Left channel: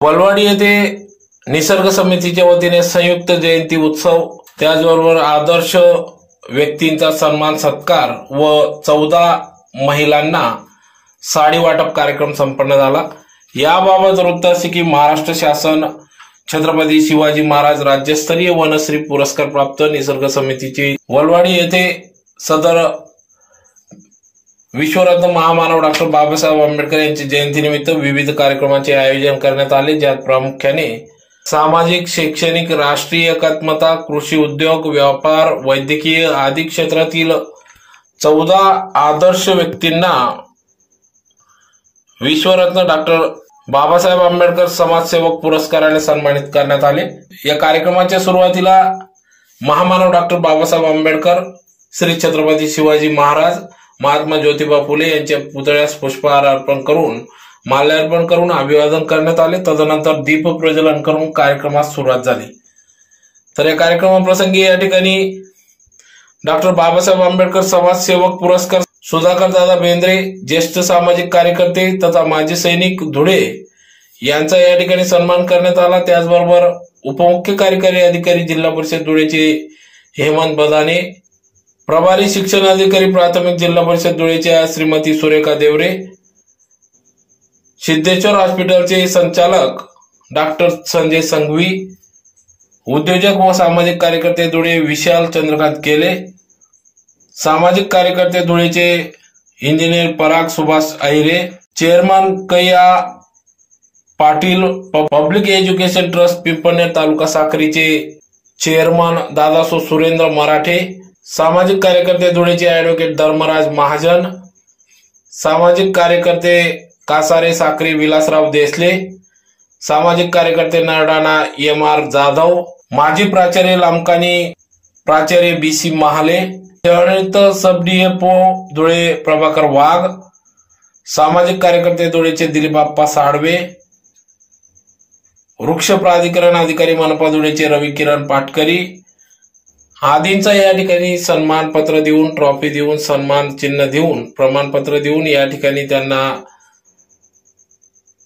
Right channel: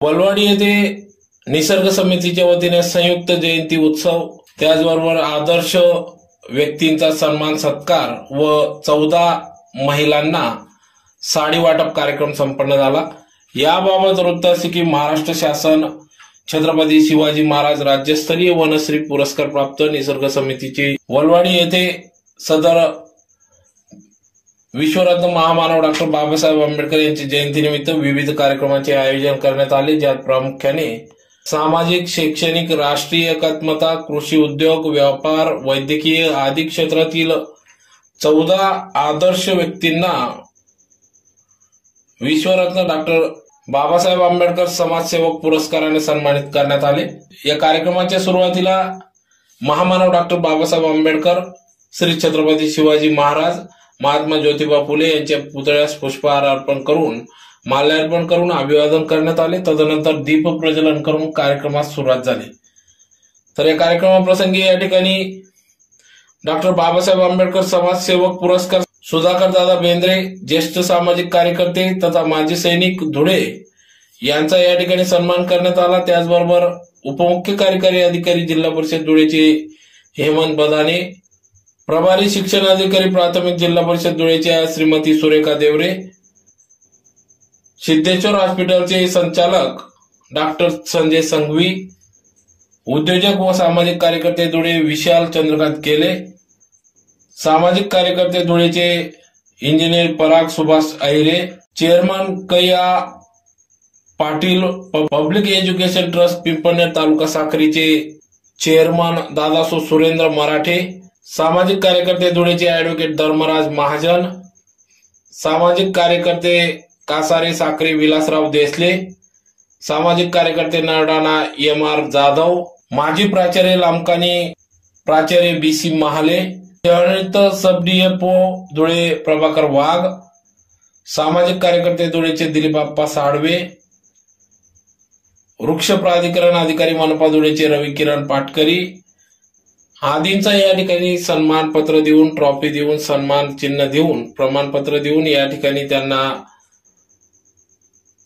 वलवाडी येथे निसर्ग समितीच्या वतीने संयुक्त जयंती उत्सव त्याचबरोबर आदर्श व्यक्तींचा सन्मान सत्कार व चौदा महिलांना साडी वाटप कार्यक्रम संपन्न झाला. याबाबत वृत्त असे की महाराष्ट्र शासन छत्रपती शिवाजी महाराज राज्यस्तरीय वनश्री पुरस्कार प्राप्त निसर्ग समितीची वलवाडी येथे सदर विश्वरत्न महामानव डॉक्टर बाबासाहेब आंबेडकर यांची जयंतीनिमित्त विविध कार्यक्रमांचे आयोजन करण्यात आले ज्यात प्रामुख्याने सामाजिक शैक्षणिक राष्ट्रीय एकात्मता कृषी उद्योग व्यापार वैद्यकीय आदी क्षेत्रातील चौदा आदर्श व्यक्तींना विश्वरत्न डॉक्टर बाबासाहेब आंबेडकर समाजसेवक पुरस्काराने सन्मानित करण्यात आले. या कार्यक्रमाच्या सुरुवातीला महामानव डॉक्टर बाबासाहेब आंबेडकर श्री छत्रपती शिवाजी महाराज महात्मा ज्योतिबा फुले यांच्या पुतळ्यास पुष्पहार अर्पण करून माल्यार्पण करून अभिवादन करण्यात आले. तदनंतर दीप प्रज्वलन करून कार्यक्रमास सुरुवात झाली. तर या कार्यक्रमाप्रसंगी या ठिकाणी डॉक्टर बाबासाहेब आंबेडकर समाजसेवक पुरस्कार सुधाकर दादा बेंद्रे ज्येष्ठ सामाजिक कार्यकर्ते तथा माजी सैनिक धुळे यांचा या ठिकाणी सन्मान करण्यात आला. त्याचबरोबर उपमुख्य कार्यकारी अधिकारी जिल्हा परिषद धुळेचे हेमंत बदाने प्रभारी शिक्षण अधिकारी प्राथमिक जिल्हा परिषद धुळेच्या श्रीमती सुरेखा देवरे. सिद्धेश्वर हॉस्पिटलचे संचालक डॉक्टर संजय संघवी. उद्योजक व सामाजिक कार्यकर्ते धुळे विशाल चंद्रकांत केले. सामाजिक कार्यकर्ते धुळेचे engineer Parag Subhash Ahire. Chairman Kaiya Patil public education trust Pimpalner taluka साखरीचे chairman Dadaso Surendra Marathe. सामाजिक कार्यकर्ते धुळेचे ऍडव्होकेट धर्मराज महाजन सामाजिक कार्यकर्ते कासारे साखरे विलासराव देसले सामाजिक कार्यकर्ते नरडाणा एम आर जाधव माजी प्राचार्य लामकानी प्राचार्य बी सी महाले शहरित सब डीएफओ धुळे प्रभाकर वाघ सामाजिक कार्यकर्ते धुळेचे दिलीपाप्पा साडवे वृक्ष प्राधिकरण अधिकारी मनपा धुळेचे रवी किरण पाटकरी आदींचा या ठिकाणी सन्मानपत्र देऊन ट्रॉफी देऊन सन्मान चिन्ह देऊन प्रमाणपत्र देऊन या ठिकाणी त्यांना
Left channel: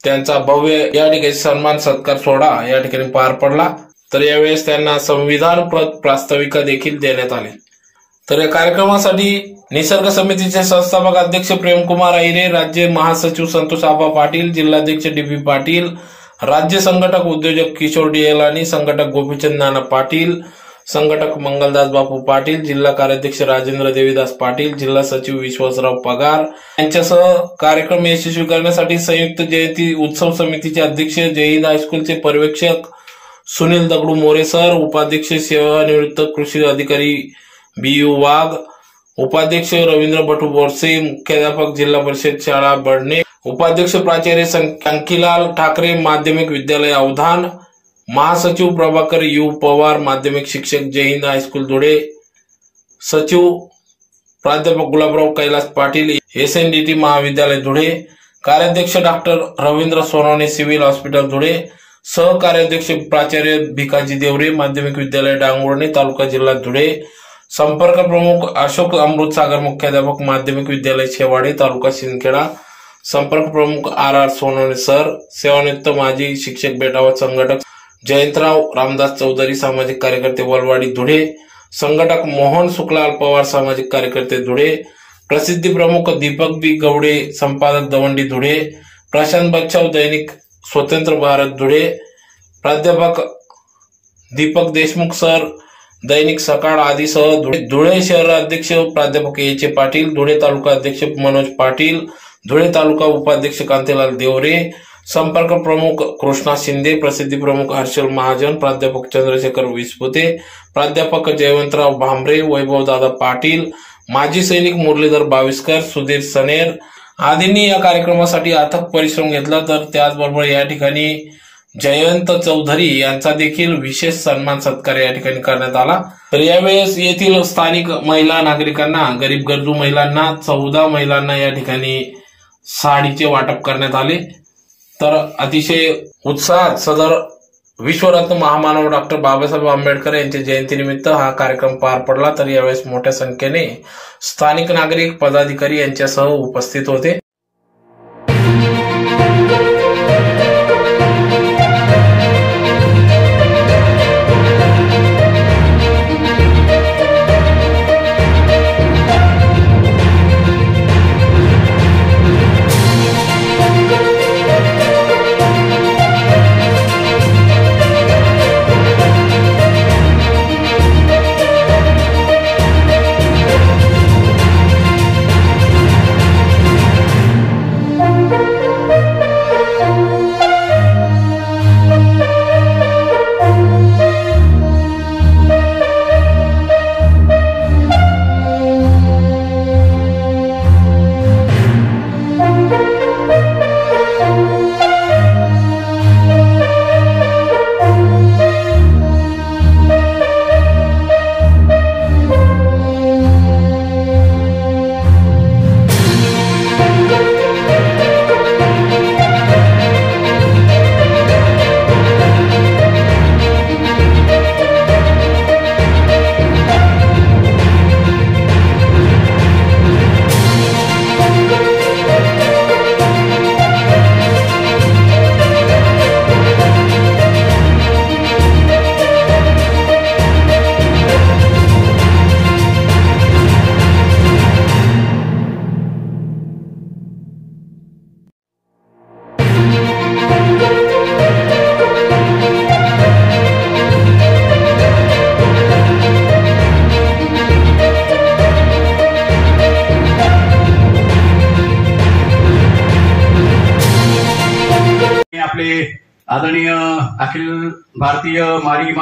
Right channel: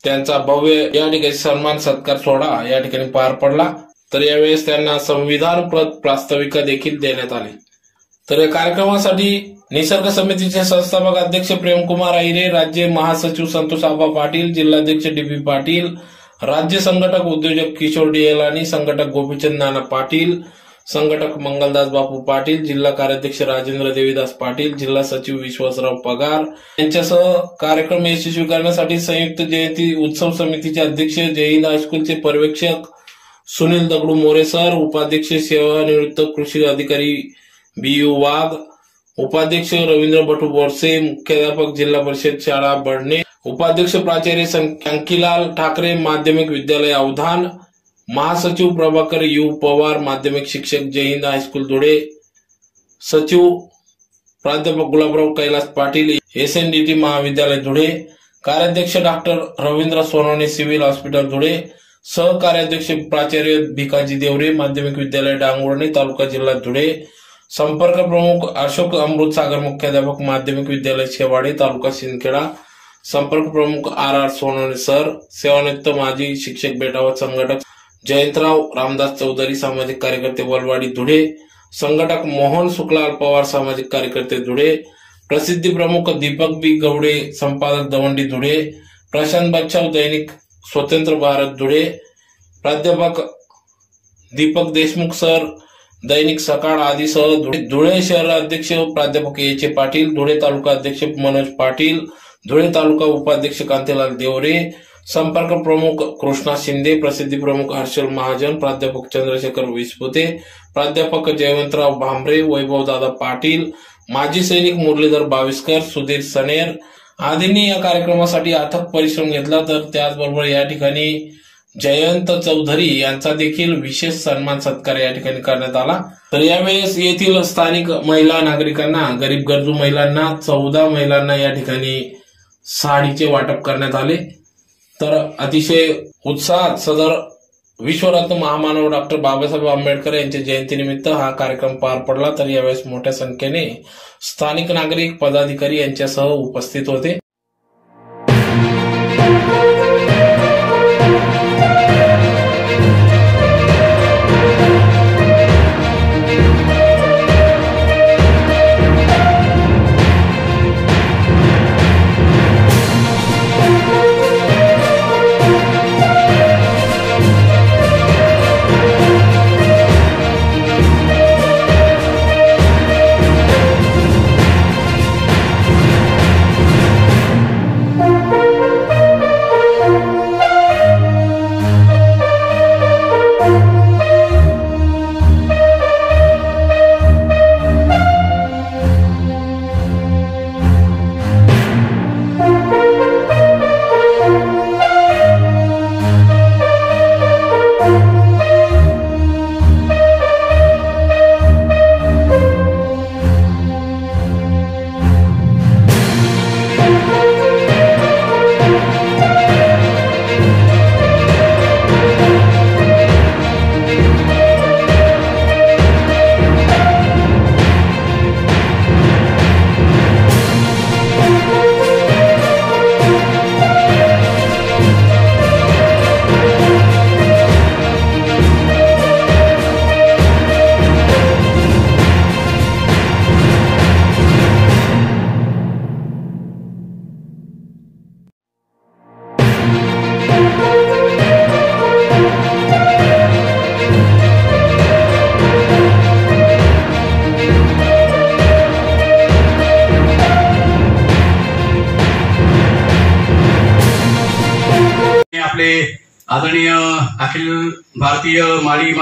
त्यांचा भव्य या ठिकाणी सन्मान सत्कार सोहळा या ठिकाणी पार पडला. तर यावेळेस त्यांना संविधान प्रास्ताविका देखील देण्यात आली. तर या कार्यक्रमासाठी निसर्ग समितीचे संस्थापक अध्यक्ष प्रेमकुमार अहिरे राज्य महासचिव संतोष आबा पाटील जिल्हाध्यक्ष डी बी पाटील राज्य संघटक उद्योजक किशोर डिएलानी संघटक गोपीचंद नाना पाटील संघटक मंगलदास बापू पाटील जिल्हा कार्याध्यक्ष राजेंद्र देवीदास पाटील जिल्हा सचिव विश्वासराव पगार यांच्यासह कार्यक्रम यशस्वी करण्यासाठी संयुक्त जयंती उत्सव समितीचे अध्यक्ष जयहिंद हायस्कूलचे पर्यवेक्षक सुनील दगडू मोरे सर उपाध्यक्ष सेवानिवृत्त कृषी अधिकारी बी यू वाघ उपाध्यक्ष रवींद्र भटू बोरसे मुख्याध्यापक जिल्हा परिषद शाळा बडणे उपाध्यक्ष प्राचार्य अंकीलाल ठाकरे माध्यमिक विद्यालय अवधान महासचिव प्रभाकर यू पवार माध्यमिक शिक्षक जयहिंद हायस्कूल धुळे सचिव प्राध्यापक Gulabrao Kailas Patil S N D T महाविद्यालय धुळे कार्याध्यक्ष doctor Ravindra Sonawane civil hospital Dhule सहकार्याध्यक्ष प्राचार्य भिकाजी देवरे माध्यमिक विद्यालय डांगोर्णे तालुका जिल्हा धुळे संपर्क प्रमुख अशोक अमृत सागर मुख्याध्यापक माध्यमिक विद्यालय शेवाडे तालुका शिंदखेडा संपर्क प्रमुख आर आर सोनवणे सर सेवानिवृत्त माजी शिक्षक बेटावत संघटक जयंतराव रामदास चौधरी सामाजिक कार्यकर्ते वलवाडी धुळे संघटक मोहन शुक्लाल पवार सामाजिक कार्यकर्ते धुळे प्रसिद्धी प्रमुख दीपक बी गवडे संपादक दवंडी धुळे प्रशांत बच्चाव दैनिक स्वतंत्र भारत धुळे प्राध्यापक दीपक देशमुख सर दैनिक सकाळ आदीसह धुळे शहर अध्यक्ष प्राध्यापक एचे पाटील धुळे तालुका अध्यक्ष मनोज पाटील धुळे तालुका उपाध्यक्ष कांतीलाल देवरे संपर्क प्रमुख कृष्णा शिंदे प्रसिद्धी प्रमुख हर्षल महाजन प्राध्यापक चंद्रशेखर विसपुते प्राध्यापक जयवंतराव भांबरे वैभवदादा पाटील माजी सैनिक मुरलीधर बाविस्कर सुधीर सनेर आदींनी या कार्यक्रमासाठी अथक परिश्रम घेतला. तर त्याचबरोबर या ठिकाणी जयंत चौधरी यांचा देखील विशेष सन्मान सत्कार या ठिकाणी करण्यात आला. तर यावेळेस येथील स्थानिक महिला नागरिकांना गरीब गरजू महिलांना चौदा महिलांना या ठिकाणी साडीचे वाटप करण्यात आले. तर अतिशय उत्साहात सदर विश्वरत्न महामानव डॉक्टर बाबासाहेब आंबेडकर यांच्या जयंतीनिमित्त हा कार्यक्रम पार पडला. तर यावेळेस मोठ्या संख्येने स्थानिक नागरिक पदाधिकारी यांच्यासह उपस्थित होते.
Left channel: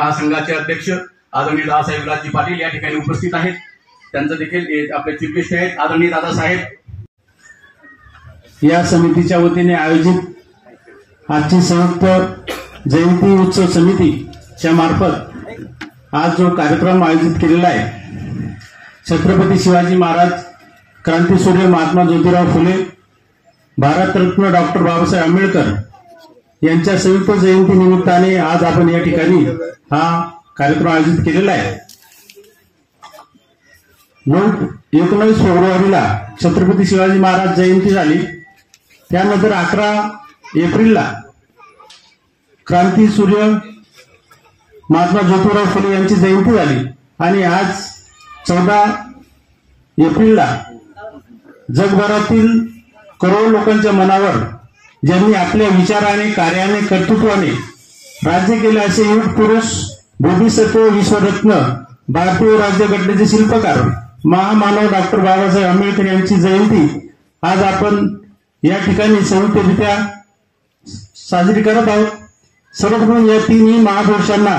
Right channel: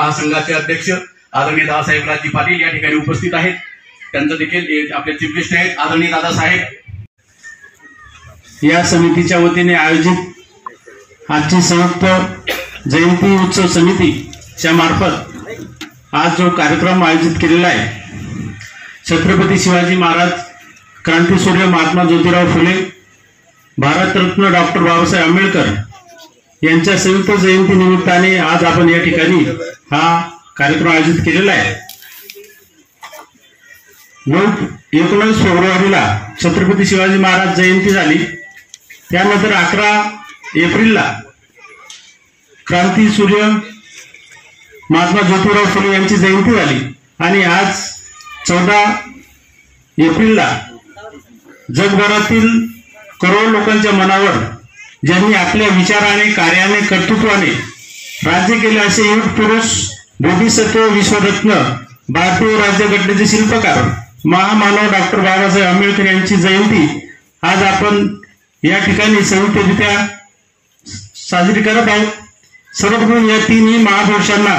महासंघाचे अध्यक्ष आदरणीय दादासाहेब राजी पाटील या ठिकाणी उपस्थित आहेत. त्यांचं देखील आपले चीफ गेस्ट आहेत. आदरणीय दादासाहेब. या समितीच्या वतीने आयोजित आजची संयुक्त जयंती उत्सव समितीच्या मार्फत आज जो कार्यक्रम आयोजित केलेला आहे छत्रपती शिवाजी महाराज क्रांतीसूर्य महात्मा ज्योतिराव फुले भारतरत्न डॉक्टर बाबासाहेब आंबेडकर यांच्या संयुक्त जयंती निमित्ताने आज आपण या ठिकाणी हा कार्यक्रम आयोजित केलेला आहे. नऊ एकोणीस फेब्रुवारीला छत्रपती शिवाजी महाराज जयंती झाली. त्यानंतर अकरा एप्रिलला क्रांती सूर्य महात्मा ज्योतिराव फुले यांची जयंती झाली. आणि आज चौदा एप्रिलला जगभरातील करोड लोकांच्या मनावर ज्यांनी आपल्या विचाराने कार्याने कर्तृत्वाने राज्य केले असे युग पुरुष बोधिसत्व विश्वरत्न भारतीय राज्यघटनेचे शिल्पकार महामानव डॉक्टर बाबासाहेब आंबेडकर यांची जयंती आज आपण या ठिकाणी संयुक्तरित्या साजरी करत आहोत. सर्वप्रथम या तिन्ही महापुरुषांना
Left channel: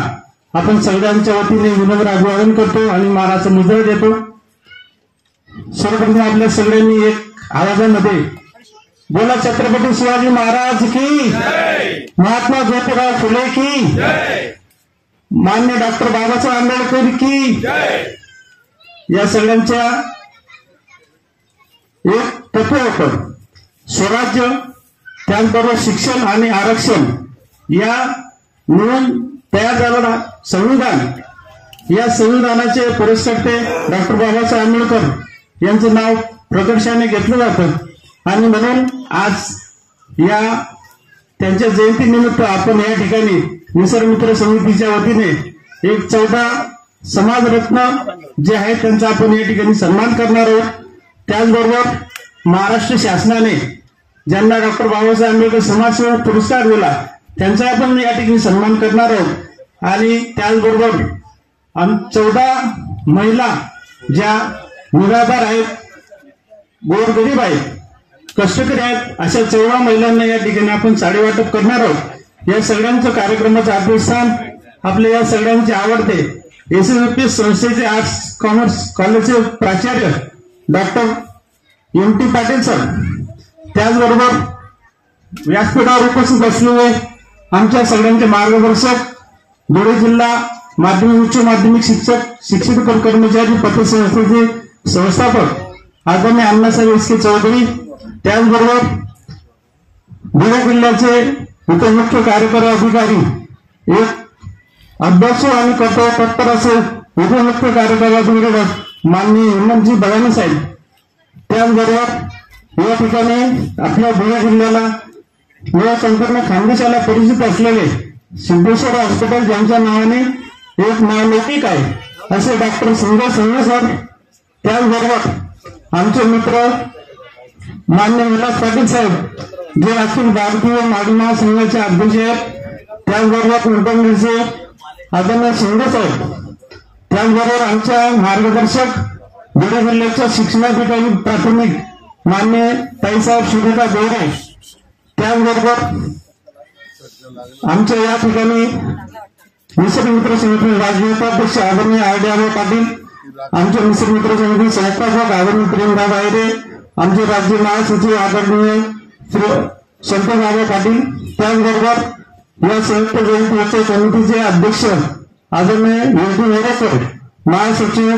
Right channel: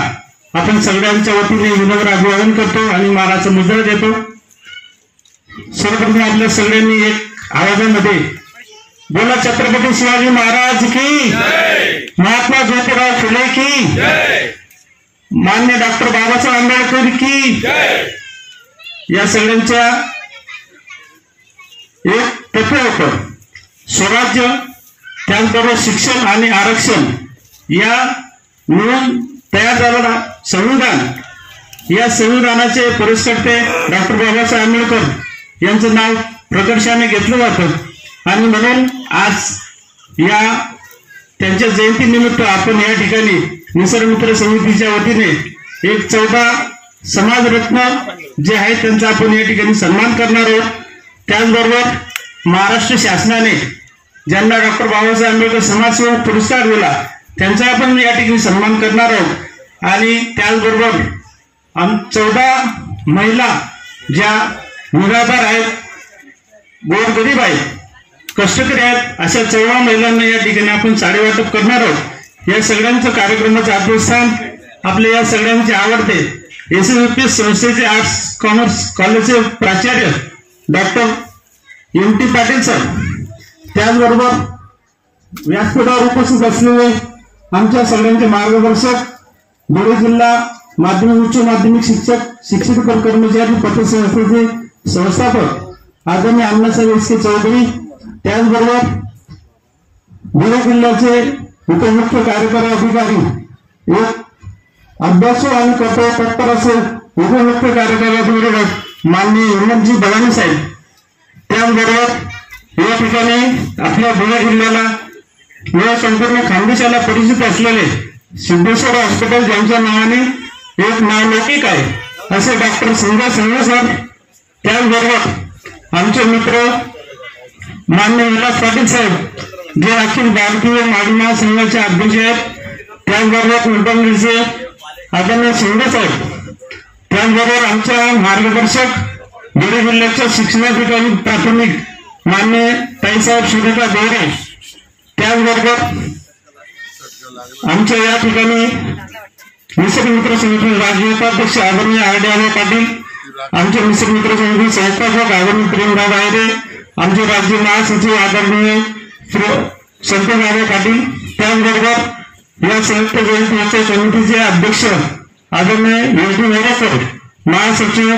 आपण सगळ्यांच्या वतीने विनम्र अभिवादन करतो आणि मानाचा मुजरा देतो. सर्वप्रथम आपल्या सगळ्यांनी एक आवाजामध्ये बोला छत्रपती शिवाजी महाराज की महात्मा ज्योतिराव फुले की मान्य डॉक्टर बाबासाहेब आंबेडकर की या सगळ्यांच्या एक तत्व होतं स्वराज्य त्याचबरोबर शिक्षण आणि आरक्षण या मिळून तयार झालेला संविधान या संविधानाचे पुरस्कर्ते डॉक्टर बाबासाहेब आंबेडकर यांचं नाव प्रकर्षाने घेतलं जातं. आणि म्हणून आज या त्यांच्या जयंतीनिमित्त आपण या ठिकाणी निसर्गमित्र समितीच्या वतीने एक चौदा समाजरत्न जे आहेत त्यांचा आपण या ठिकाणी सन्मान करणार आहोत. त्याचबरोबर महाराष्ट्र शासनाने ज्यांना डॉक्टर बाबासाहेब आंबेडकर समाजसेवा पुरस्कार दिला त्यांचा आपण या ठिकाणी सन्मान करणार आहोत. आणि त्याचबरोबर चौदा महिला ज्या निराधार आहेत गोरगरीब आहेत कष्टकरी आहेत. अशा चौदा महिलांना या ठिकाणी आपण साडेवाटप करणार आहोत. या सगळ्यांचं कार्यक्रमाचं अग्रस्थान आपले या सगळ्यांचे आवडते. एस एस पी संस्थेचे आर्ट्स कॉमर्स कॉलेजचे प्राचार्य doctor M T Patil sir. त्याचबरोबर व्यासपीठावर उपस्थित असलेले आमच्या सगळ्यांचे मार्गदर्शक धुळे जिल्हा माध्यमिक उच्च माध्यमिक शिक्षक शिक्षित कर्मचारी पतसंस्थेचे संस्थापक आदरणीय अण्णासाहेब एस के चौधरी त्याचबरोबर धुळे जिल्ह्याचे उपमुख्य कार्यकारी अधिकारी एक अभ्यासू आणि कर्तव्य तत्पर असे उपमुख्य कार्यकारी अधिकारी माननीय हेमंतजी बगाने साहेब. त्याचबरोबर या ठिकाणी आपल्या धुळे जिल्ह्याला या संपूर्ण खानदेशाला परिचित असलेले सिद्धेश्वर हॉस्पिटल ज्यांच्या नावाने एक नावलौकिक आहे असे डॉक्टर संजय संघ सर त्याचबरोबर आमचे मित्र मान्य विलास पाटील साहेब जे अखिल भारतीय माडी महासंघाचे अध्यक्ष आहेत त्याचबरोबर कुलकर्णीचे आदरणीय शिंदे साहेब त्याचबरोबर आमच्या मार्गदर्शक बीड जिल्ह्याच्या शिक्षणाधिकारी प्राथमिक मान्य ताईसाहेब सुरेखा देवरे त्याचबरोबर आमच्या या ठिकाणी निसर्ग मित्र समिती राज्य उपाध्यक्ष आदरणीय आर डी आबा पाटील आमचे निसर्ग मित्र समिती संस्थापक आदरणीय प्रेमराव आयरे आमचे राज्य महासचिव आदरणीय संत आबा पाटील त्याचबरोबर या संयुक्त जयंती समितीचे अध्यक्ष आदरणीय योगी डी मोरेकर महासचिव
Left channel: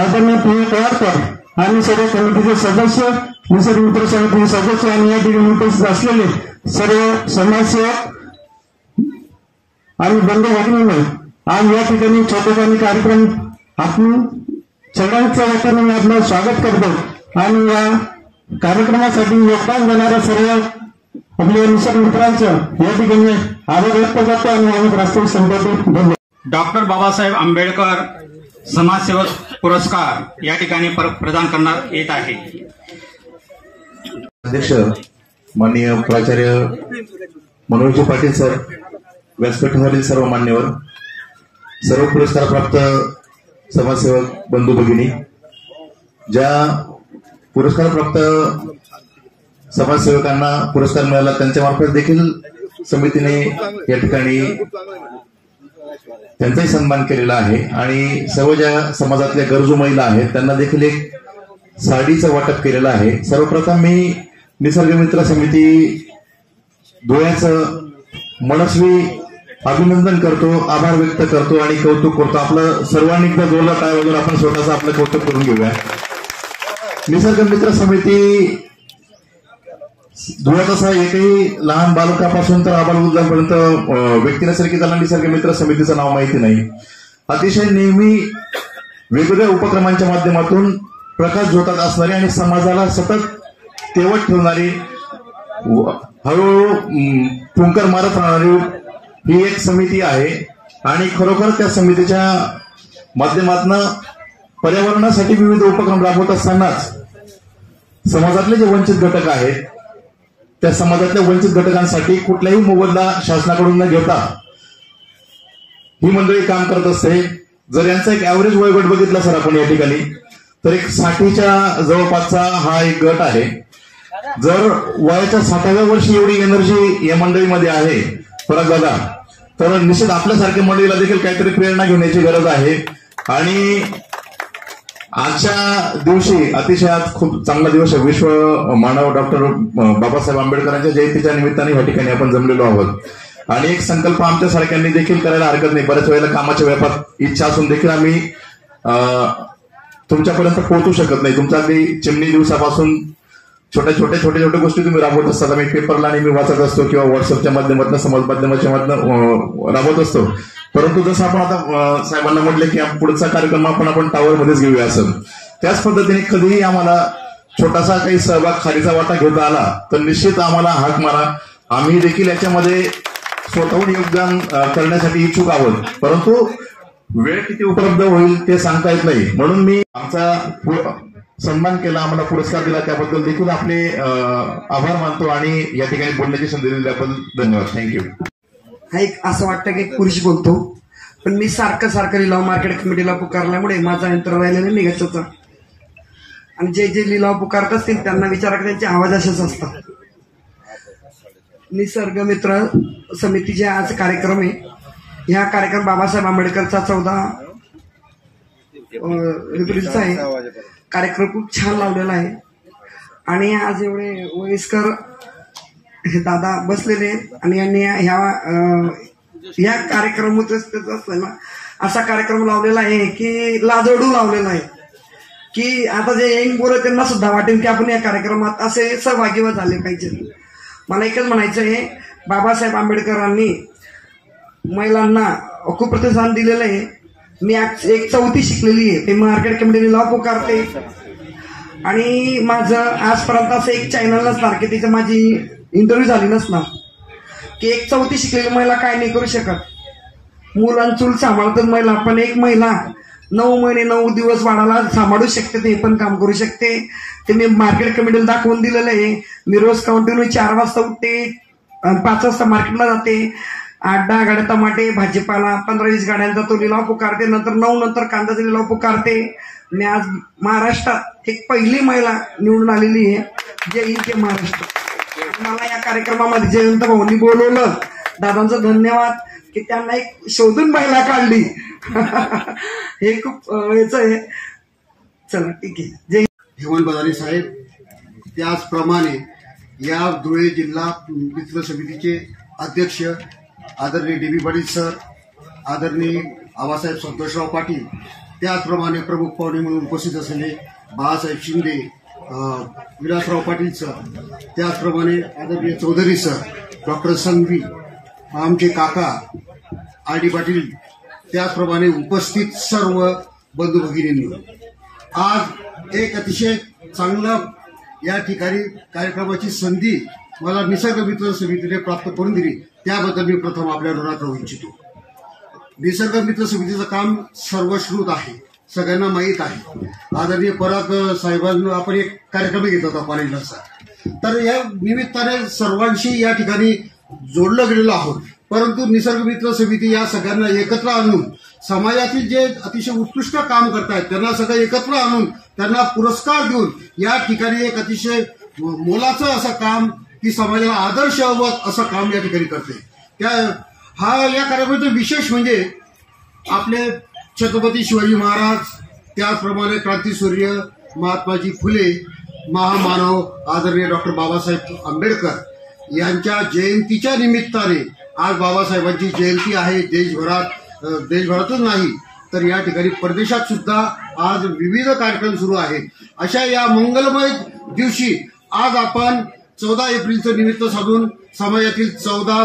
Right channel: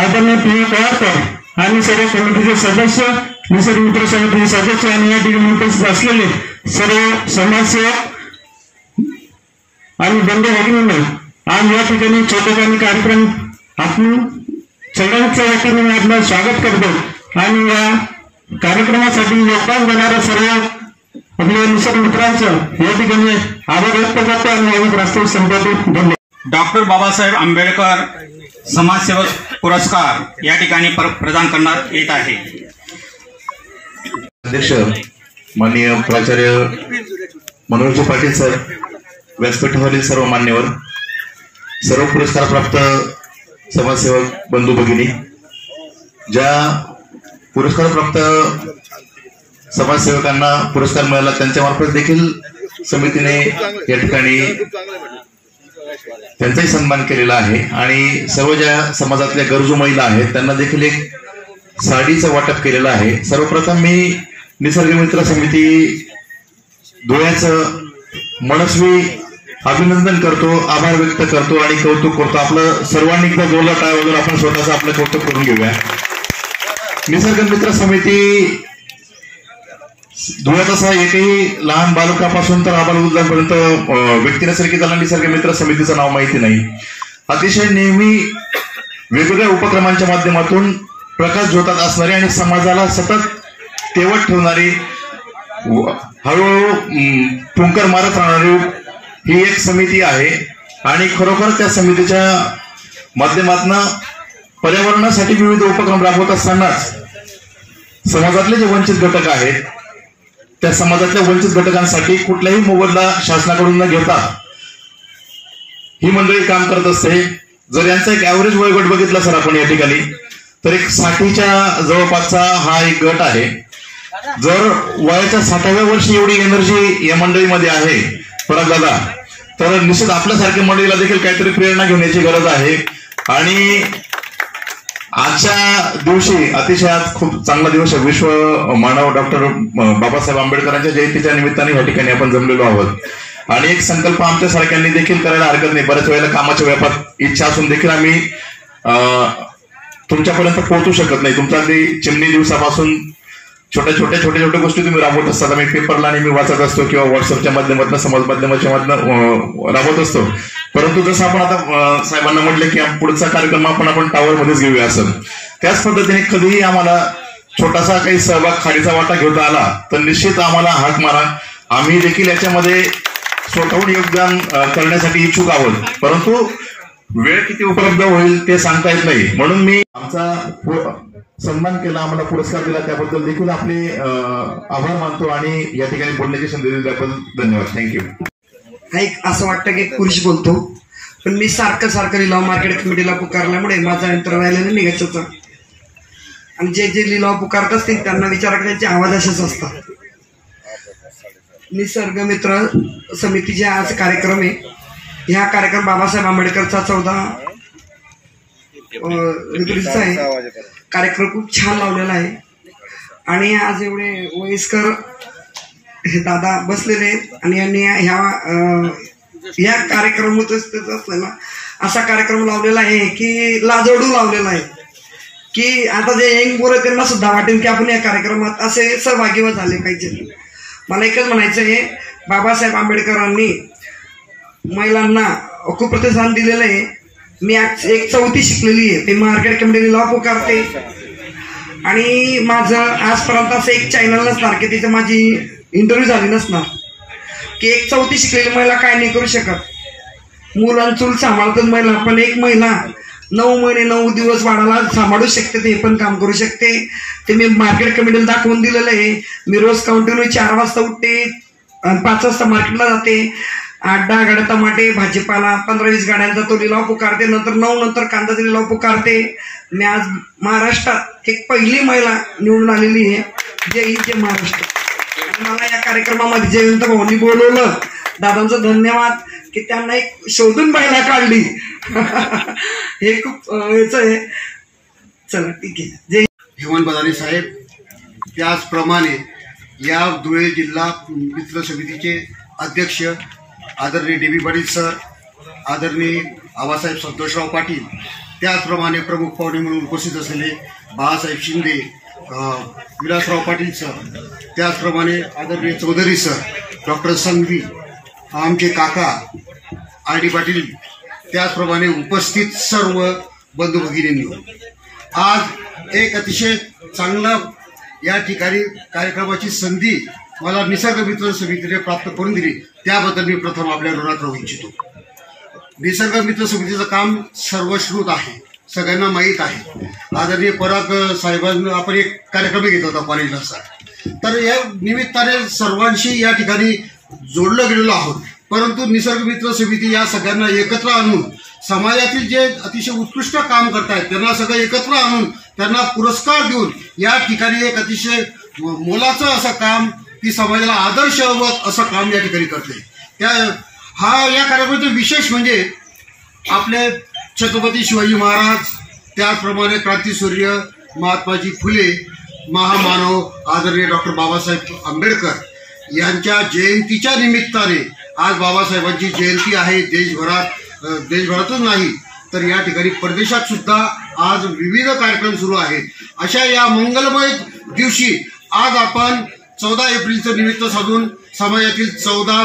आदरणीय पी पवारकर आणि सर्व समितीचे सदस्य निसर्ग मित्र समितीचे सदस्य आणि या ठिकाणी उपस्थित असलेले सर्व समाजसेवक आणि बंधू भगिनींनो आज या ठिकाणी छोटेखानी कार्यक्रम आपण सगळ्यांच्या वतीने मी आपलं स्वागत करतो. आणि या कार्यक्रमासाठी योगदान देणाऱ्या सर्व आपल्या निसर्ग मित्रांचं या ठिकाणी आभार व्यक्त करतो आणि संपत्ती धन्यवाद. डॉक्टर बाबासाहेब आंबेडकर समाजसेवक पुरस्कार या ठिकाणी पर- प्रदान करण्यात येत आहे. अध्यक्ष माननीय प्राचार्य मनोहरजी पाटील सर व्यासपीठावरील सर्व मान्यवर सर्व पुरस्कार प्राप्त समाजसेवक बंधू भगिनी ज्या पुरस्कार प्राप्त समाजसेवकांना पुरस्कार मिळाला. त्यांच्या मार्फत देखील समितीने या ठिकाणी त्यांचाही सन्मान केलेला आहे. आणि सर्व ज्या समाजातल्या गरजू महिला आहेत त्यांना देखील एक साडीचं वाटप केलेलं आहे. सर्वप्रथम मी निसर्गमित्र समिती धुळ्याचं मनस्वी अभिनंदन करतो आभार व्यक्त करतो आणि कौतुक करतो. आपलं सर्वांनी एकदा जोरदार टाळ वगैरे आपण स्वतःचं आपलं कौतुक करून घेऊया. निसर्ग मित्र समिती धुळ्यात असा एकही लहान बालकापासून तर आबाल वृद्धांपर्यंत व्यक्तीने नसेल की त्याला निसर्ग मित्र समितीचं नाव माहिती नाही. अतिशय नेहमी वेगवेगळ्या उपक्रमांच्या माध्यमातून प्रकाश झोतात असणारी आणि समाजाला सतत तेवत ठेवणारी हळूहळू ठुंकर मारत राहणारी ही एक समिती आहे. आणि खरोखर त्या समितीच्या माध्यमातून पर्यावरणासाठी विविध उपक्रम राबवत असतानाच समाजातले जे वंचित घटक आहेत त्या समाजातल्या वंचित घटकांसाठी कुठलाही मोबदला शासनाकडून न घेता ही मंडळी काम करत असते. जर यांचा एक ऍव्हरेज वयोगट बघितला सर आपण या ठिकाणी तर एक साठीच्या जवळपासचा हा एक गट आहे. जर वयाच्या साठाव्या वर्षी एवढी एनर्जी या मंडळीमध्ये आहे परत दादा तर निश्चित आपल्यासारख्या मंडळीला देखील काहीतरी प्रेरणा घेण्याची गरज आहे. आणि आजच्या दिवशी अतिशय आज खूप चांगला दिवस आहे. विश्व मानव डॉक्टर बाबासाहेब आंबेडकरांच्या जयंतीच्या निमित्ताने या ठिकाणी आपण जमलेलो आहोत. आणि एक संकल्प आमच्या सारख्यांनी देखील करायला हरकत नाही. बऱ्याच वेळेला कामाच्या व्यापात इच्छा असून देखील आम्ही अं, तुमच्यापर्यंत पोहोचू शकत नाही. तुमच्या अगदी चिमणी दिवसापासून छोट्या छोट्या छोट्या छोट्या गोष्टी तुम्ही राबवत असतात. आम्ही पेपरला नेहमी वाचत असतो किंवा व्हॉट्सअपच्या माध्यमातून समाज माध्यमाच्या माध्यमातून राबवत असतो. परंतु जसं आपण आता साहेबांना म्हटलं की पुढचा कार्यक्रम आपण आपण टावरमध्येच घेऊया असं. त्याच पद्धतीने कधीही आम्हाला छोटासा काही सहभाग खालीचा वाटा घेता आला तर निश्चित आम्हाला हाक मारा. आम्ही देखील याच्यामध्ये स्वतःहून योगदान करण्यासाठी इच्छुक आहोत. परंतु वेळ किती उपलब्ध होईल ते सांगता येत नाही. म्हणून मी आमचा सन्मान केला आम्हाला पुरस्कार दिला त्याबद्दल देखील आपले आभार मानतो आणि या ठिकाणी बोलण्याची संधी दिली त्याबद्दल धन्यवाद. थँक्यू हा एक असं वाटतं की एक पुरुष बोलतो. पण मी सारखं सारखं लिलाव मार्केट कमिटीला पुकारल्यामुळे माझा अंतर राहिलेला निघायचं होता. आणि जे जे लिलाव पुकारत असतील त्यांना विचारा की त्यांचे आवाज असेच असतात. निसर्ग मित्र समितीचे आज कार्यक्रम आहे. ह्या कार्यक्रम बाबासाहेब आंबेडकरचा चौदा एप्रिलचा आहे. कार्यक्रम खूप छान लावलेला आहे. आणि आज एवढे वयस्कर हे दादा बसलेले आहेत आणि यांनी ह्या या कार्यक्रमातच त्याचा ना. असा कार्यक्रम लावलेला आहे की लाजोडू लावलेला आहे. की आता जे यंग पोरं त्यांना सुद्धा वाटेल की आपण या कार्यक्रमात असे सहभागी झाले पाहिजे. मला एकच म्हणायचं आहे बाबासाहेब आंबेडकरांनी महिलांना खूप प्रतिसाद दिलेलं आहे. मी आज एक चौथी शिकलेली आहे. ते मार्केट कमिटीने लॉ पुकारते. आणि माझं आजपर्यंत असं एक चॅनल नसणार की तिथं माझी इंटरव्ह्यू झाली नसणार. की एक चौथी शिकलेली महिला काय नाही करू शकत. मुलांचूल सांभाळतात महिला पण एक महिला नऊ महिने नऊ दिवस वाढायला सांभाळू शकते ते पण काम करू शकते. ते मी मार्केट कमिटीला दाखवून दिलेलं आहे. मी रोज कंटिन्यू चार वाजता उठते पाच वाजता मार्केटला जाते. आठ दहा गाड्या टमाटे भाजीपाला पंधरा वीस गाड्यांचा तो लिलाव पुकारते नंतर नऊ नंतर कांद्याचा लिलाव पुकारते. मी आज महाराष्ट्रात एक पहिली महिला निवडून आलेली आहे. जय हिंद जय महाराष्ट्र. मला या कार्यक्रमामध्ये जयंत भाऊंनी बोलवलं. दादांचं धन्यवाद की त्यांना एक शोधून महिला काढली. हे खूप याच याचं आहे चला ठीक आहे. जय हेमंत बदाने साहेब त्याचप्रमाणे या धुळे जिल्हा मित्र समितीचे अध्यक्ष आदरणीय डी बी पाटील सर आदरणीय आबासाहेब संतोषराव पाटील त्याचप्रमाणे प्रमुख पाहुणे म्हणून उपस्थित असलेले बाळासाहेब शिंदे विलासराव पाटील सर त्याचप्रमाणे आदरणीय चौधरी सर डॉक्टर संघवी आमचे काका आर डी पाटील त्याचप्रमाणे उपस्थित सर्व बंधू भगिनींनी. आज एक अतिशय चांगलं या ठिकाणी कार्यक्रमाची संधी मला निसर्ग मित्र समितीने प्राप्त करून दिली. त्याबद्दल मी प्रथम आपल्या ऋणात राहू इच्छितो. निसर्ग मित्र समितीचं काम सर्वश्रुत आहे. सगळ्यांना माहीत आहे. आदरणीय पराग साहेबांना आपण एक कार्यक्रम घेत होता कॉलेजला तर या निमित्ताने सर्वांशी या ठिकाणी जोडलं गेलेलो आहोत. परंतु निसर्ग मित्र समिती या सगळ्यांना एकत्र आणून समाजातील जे अतिशय उत्कृष्ट काम करतायत त्यांना सगळं एकत्र आणून त्यांना पुरस्कार देऊन या ठिकाणी एक अतिशय मोलाचं असं काम की समाजाला आदर्श हवं असं काम या ठिकाणी करते त्या हा या कार्यक्रमाचे विशेष म्हणजे आपले छत्रपती शिवाजी महाराज त्याचप्रमाणे क्रांतीसूर्य महात्माजी फुले महामानव आदरणीय डॉक्टर बाबासाहेब आंबेडकर यांच्या जयंतीच्या निमित्ताने आज बाबासाहेबांची जयंती आहे. देशभरात देशभरातच नाही तर या ठिकाणी परदेशात सुद्धा आज विविध कार्यक्रम सुरू आहेत. अशा या मंगलमय दिवशी आज आपण चौदा एप्रिलचं निमित्त साधून समाजातील चौदा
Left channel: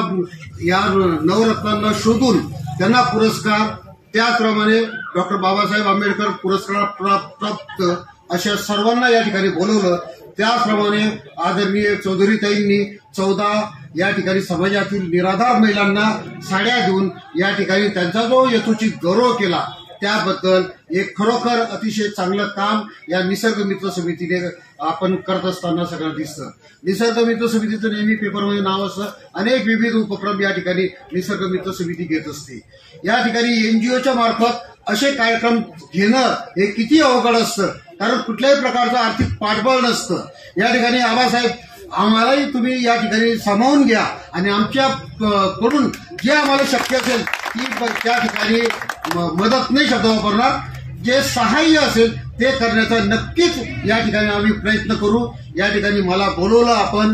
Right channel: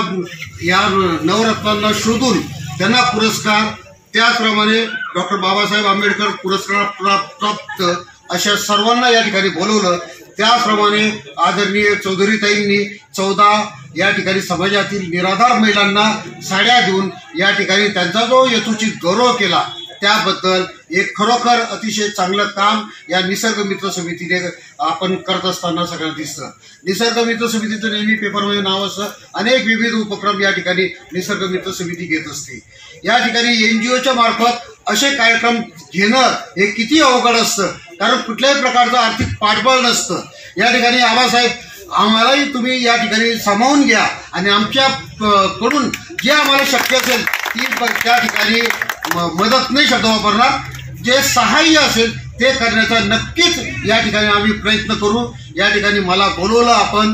या नवरत्नांना शोधून त्यांना पुरस्कार त्याचप्रमाणे डॉक्टर बाबासाहेब आंबेडकर पुरस्कार प्राप्त अशा सर्वांना या ठिकाणी बोलवलं. त्याचप्रमाणे आदरणीय चौधरीताईंनी चौदा या ठिकाणी समाजातील निराधार महिलांना साड्या देऊन या ठिकाणी त्यांचा जो यथोचित गौरव केला त्याबद्दल एक खरोखर अतिशय चांगलं काम या निसर्ग मित्र समितीने आपण करत असताना सगळ्यांना दिसतं. निसर्ग मित्र समितीचं नेहमी पेपरमध्ये नाव असतं. अनेक विविध उपक्रम या ठिकाणी निसर्ग मित्र समिती घेत असते. या ठिकाणी एनजीओच्या मार्फत असे कार्यक्रम घेणं हे किती अवघड असतं? कारण कुठल्याही प्रकारचं आर्थिक पाठबळ नसतं. या ठिकाणी आबासाहेब आम्हालाही तुम्ही या ठिकाणी सामावून घ्या आणि आमच्या कडून जे आम्हाला शक्य असेल ती त्या ठिकाणी मदत नाही शब्द वापरणार. जे सहाय्य असेल ते करण्याचा नक्कीच या ठिकाणी आम्ही प्रयत्न करू. या ठिकाणी मला बोलवलं आपण.